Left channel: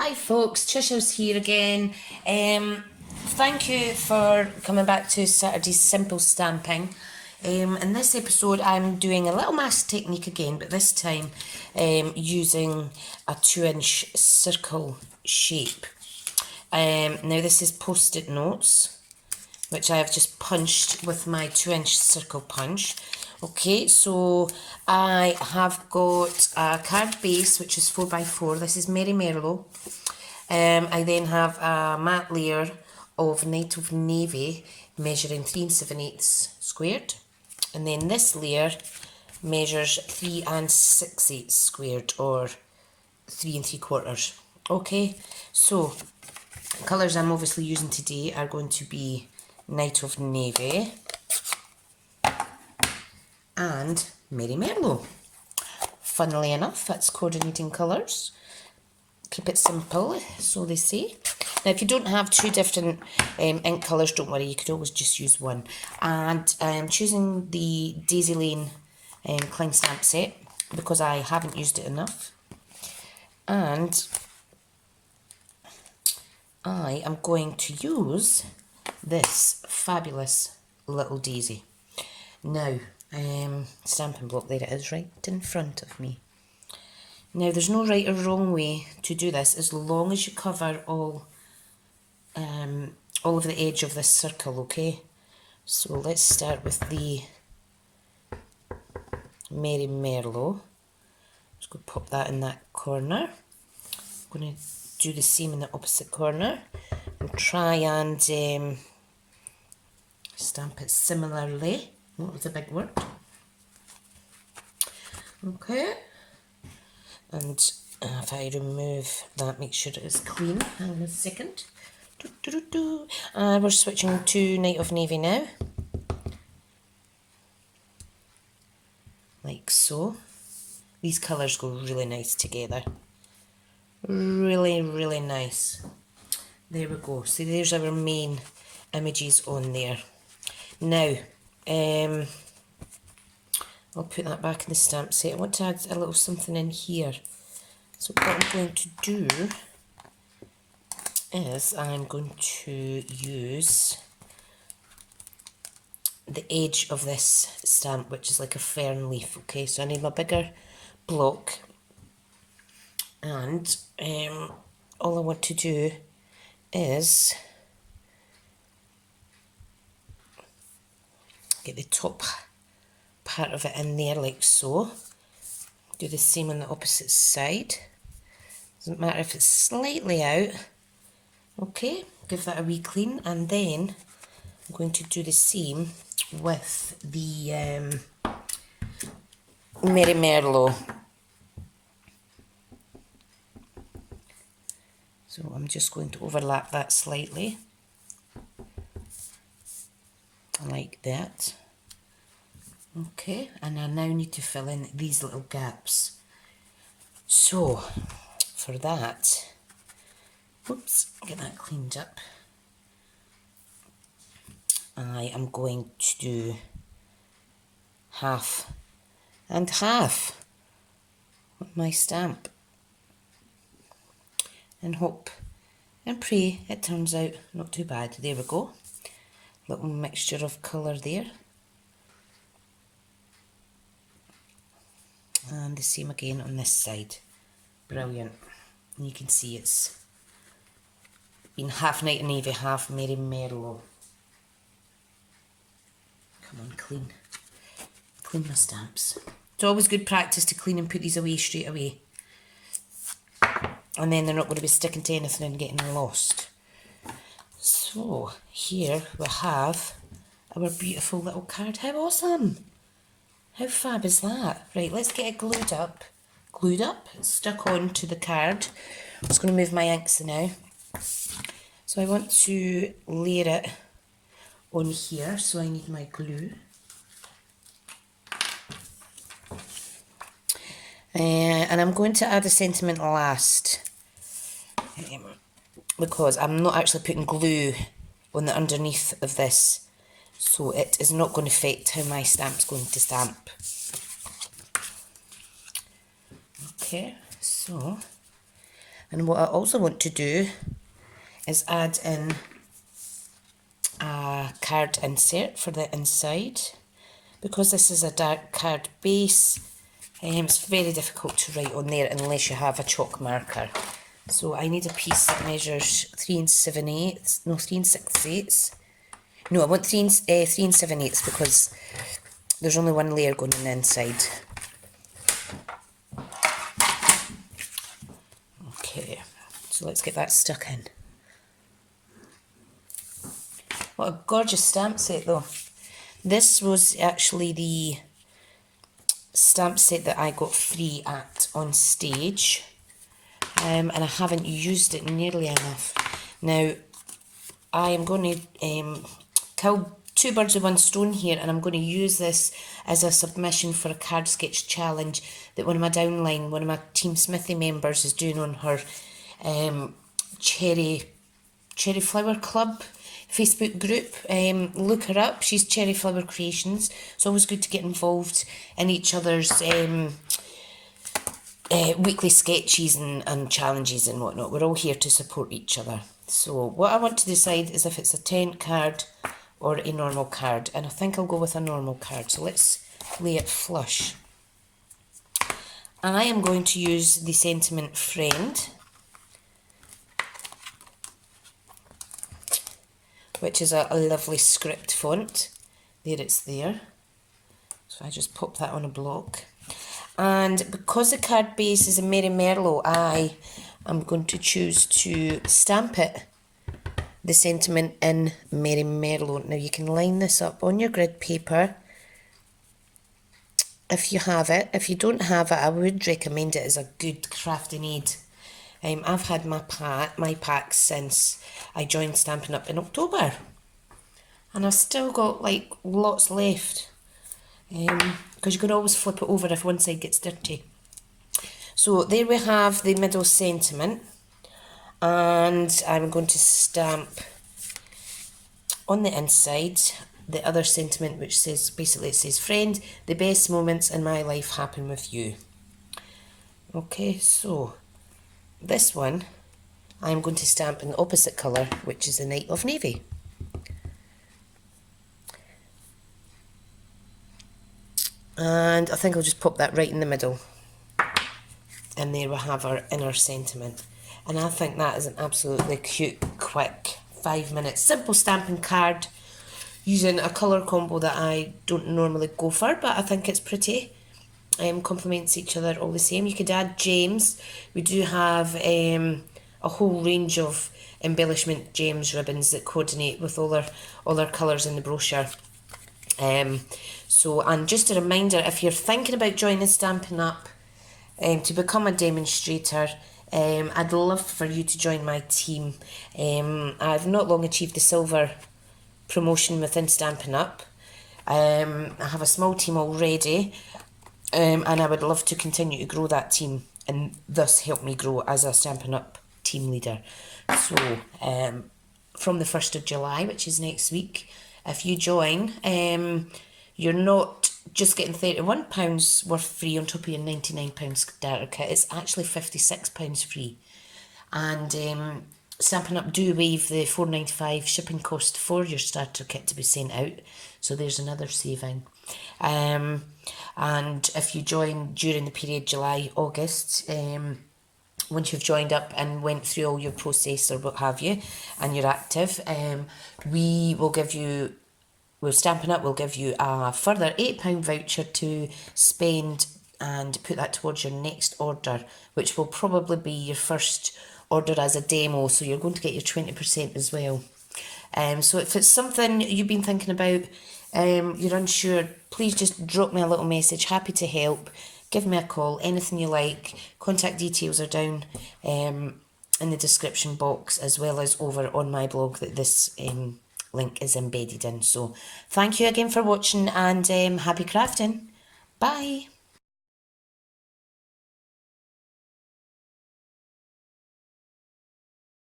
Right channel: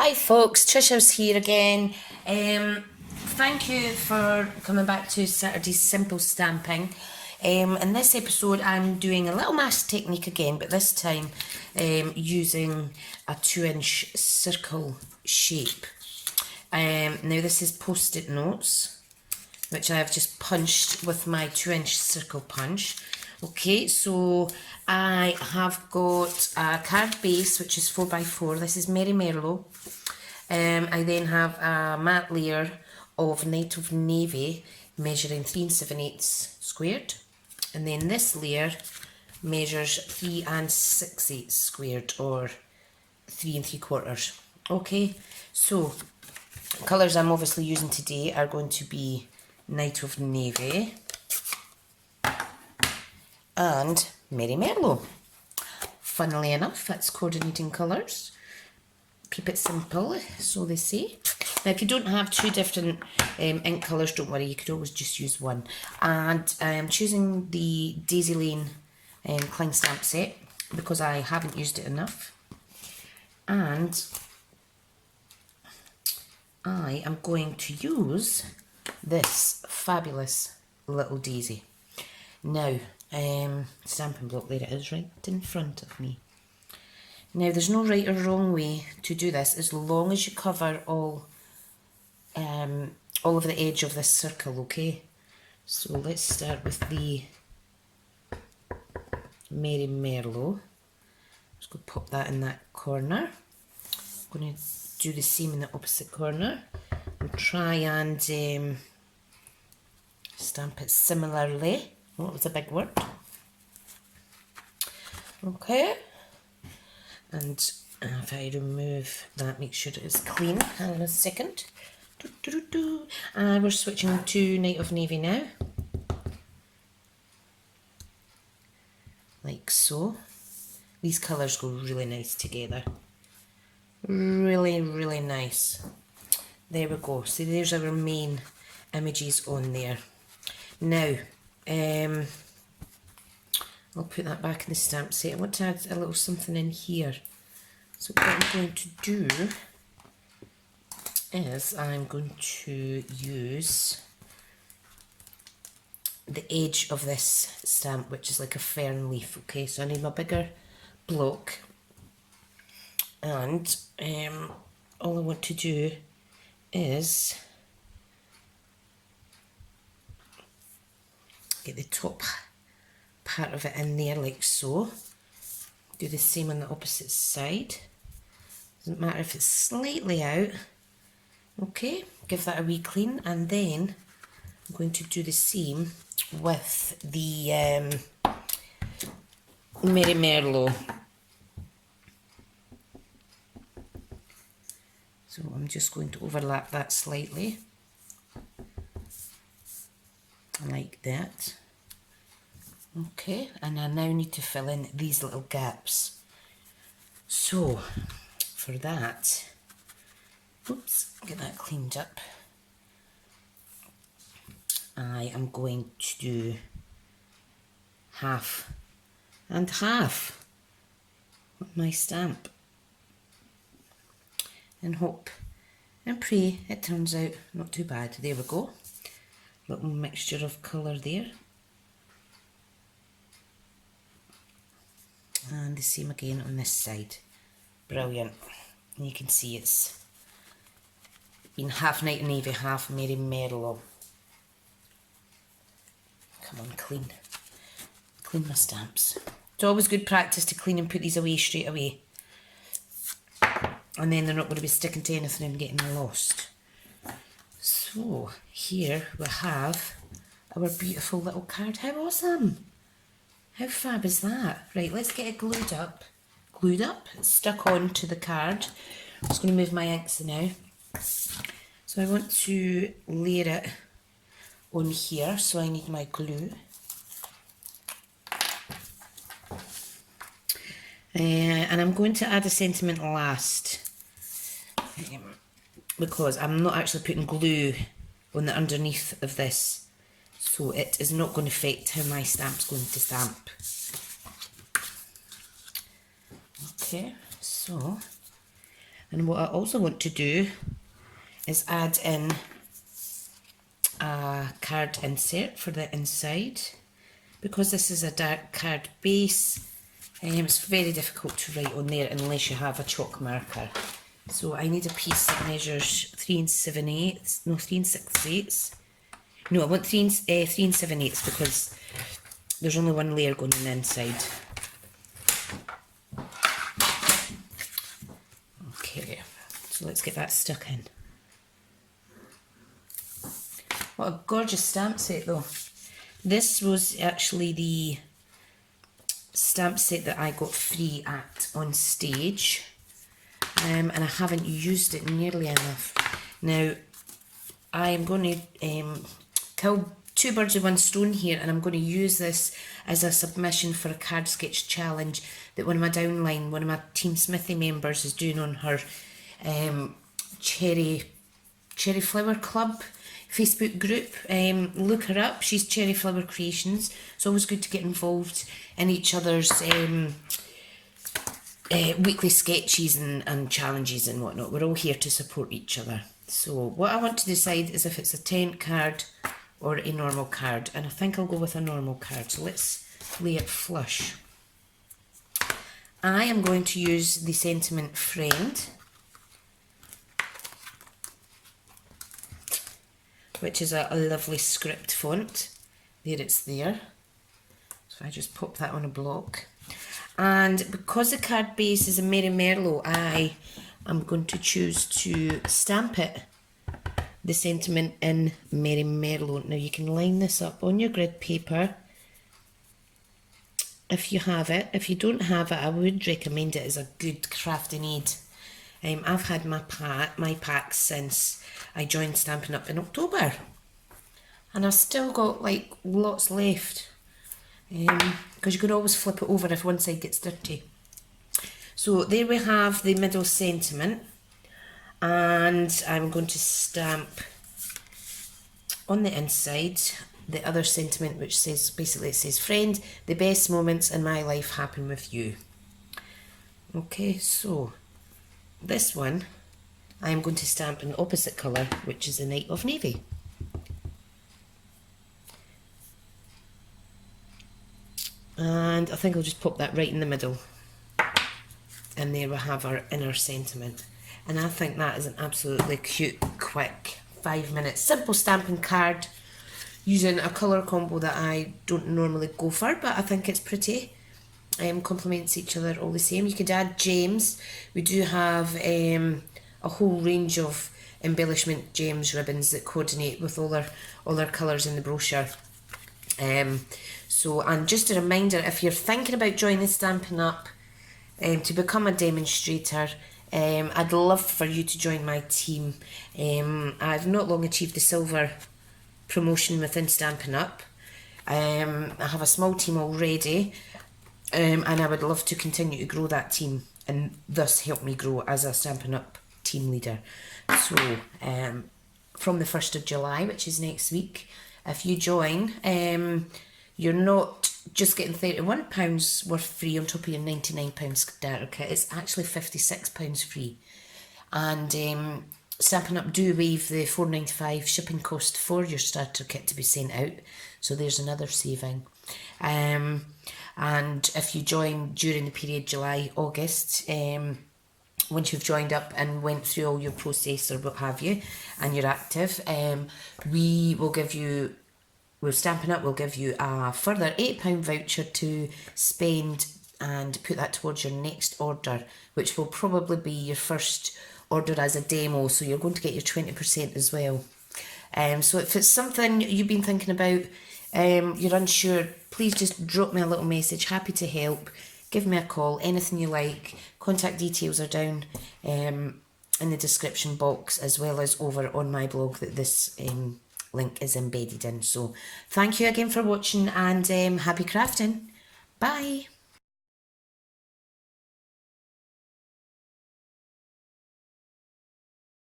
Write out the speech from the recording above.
Hi folks, Tricia's here again. Thank you for coming back to Saturday's Simple Stamping. In this episode I'm doing a little mask technique again, but this time using a 2-inch circle shape. Now this is post-it notes, which I have just punched with my 2-inch circle punch. Okay, so I have got a card base, which is 4x4. This is Merry Merlot. I then have a matte layer of Night of Navy, measuring 3 7/8 squared. And then this layer measures 3 6/8 squared, or 3 3/4. Okay, so colours I'm obviously using today are going to be Night of Navy and Merry Merlot. Funnily enough, that's coordinating colours. Keep it simple, so they say. Now, if you don't have two different ink colours, don't worry, you could always just use one. And I'm choosing the Daisy Lane Klein Stamp set because I haven't used it enough. And I am going to use this fabulous little daisy. Now, stamping block, there it is, right in front of me. Now, there's no right or wrong way to do this as long as you cover all of the edge of this circle, okay? So let's start with the Merry Merlot. Just go pop that in that corner. I'm going to do the same in the opposite corner and try and stamp it similarly. Oh, that was a big word. Okay. And if I remove that, make sure it is clean. Hang on a second. And we're switching to Night of Navy now. Like so. These colours go really nice together. Really, really nice. There we go. So there's our main images on there. Now, I'll put that back in the stamp set. I want to add a little something in here. So what I'm going to do is I'm going to use the edge of this stamp, which is like a fern leaf. Okay, so I need my bigger block, and all I want to do is get the top part of it in there like so. Do the same on the opposite side. Doesn't matter if it's slightly out. Okay, give that a wee clean, and then I'm going to do the same with the Merry Merlot. So I'm just going to overlap that slightly, like that. Okay, and I now need to fill in these little gaps. So, for that, oops, get that cleaned up. I am going to do half and half of my stamp. And hope and pray it turns out not too bad. There we go. Little mixture of colour there. And the same again on this side. Brilliant. And you can see it's been half Night of Navy, half Merry Merlot. Come on, clean. Clean my stamps. It's always good practice to clean and put these away straight away. And then they're not going to be sticking to anything and getting lost. So, here we have our beautiful little card. How awesome! How fab is that? Right, let's get it glued up. Glued up, it's stuck on to the card. I'm just going to move my inks now. So I want to layer it on here, so I need my glue. And I'm going to add a sentiment last, because I'm not actually putting glue on the underneath of this, so it is not going to affect how my stamp's going to stamp. Okay, so And what I also want to do is add in a card insert for the inside. Because this is a dark card base, it's very difficult to write on there unless you have a chalk marker. So I need a piece that measures 3 7/8, no, 3 6/8. No, I want 3 7/8 because there's only one layer going on the inside. Okay, so let's get that stuck in. What a gorgeous stamp set though. This was actually the stamp set that I got free at on stage, and I haven't used it nearly enough. Now, I am going to kill two birds with one stone here, and I'm going to use this as a submission for a card sketch challenge that one of my downline, one of my Team Smithy members is doing on her Cherry Flower Club Facebook group. Look her up, she's Cherry Flower Creations. It's always good to get involved in each other's weekly sketches and challenges and whatnot. We're all here to support each other. So what I want to decide is if it's a tent card or a normal card, and I think I'll go with a normal card. So let's lay it flush. I am going to use the Sentiment Friend, which is a lovely script font. There, it's there. So I just pop that on a block. And because the card base is a Merry Merlot, I am going to choose to stamp it, the sentiment, in Merry Merlot. Now you can line this up on your grid paper if you have it. If you don't have it, I would recommend it as a good crafting aid. I've had my packs since I joined Stampin' Up in October, and I've still got like lots left, because you can always flip it over if one side gets dirty. So there we have the middle sentiment, and I'm going to stamp on the inside the other sentiment, which says, basically it says, "Friend, the best moments in my life happen with you." Okay, so this one I am going to stamp in the opposite colour, which is the Night of Navy. And I think I'll just pop that right in the middle. And there we have our inner sentiment. And I think that is an absolutely cute, quick, 5-minute, simple stamping card using a colour combo that I don't normally go for, but I think it's pretty. Complements each other all the same. You could add gems. We do have a whole range of embellishment gems ribbons that coordinate with all our colours in the brochure. So, and just a reminder, if you're thinking about joining Stampin' Up to become a demonstrator, I'd love for you to join my team. I've not long achieved the silver promotion within Stampin' Up. I have a small team already, and I would love to continue to grow that team and thus help me grow as a Stampin' Up team leader. So from the 1st of July, which is next week, if you join, you're not just getting £31 worth free on top of your £99 starter kit. It's actually £56 free. And Stampin' Up do waive the £4.95 shipping cost for your starter kit to be sent out. So there's another saving. And if you join during the period July, August, once you've joined up and went through all your process or what have you, and you're active, we will give you, Stampin' Up will give you a further £8 voucher to spend and put that towards your next order, which will probably be your first order as a demo, so you're going to get your 20% as well. So if it's something you've been thinking about, you're unsure, please just drop me a little message. Happy to help. Give me a call, anything you like. Contact details are down in the description box, as well as over on my blog that this link is embedded in. So thank you again for watching, and happy crafting. Bye.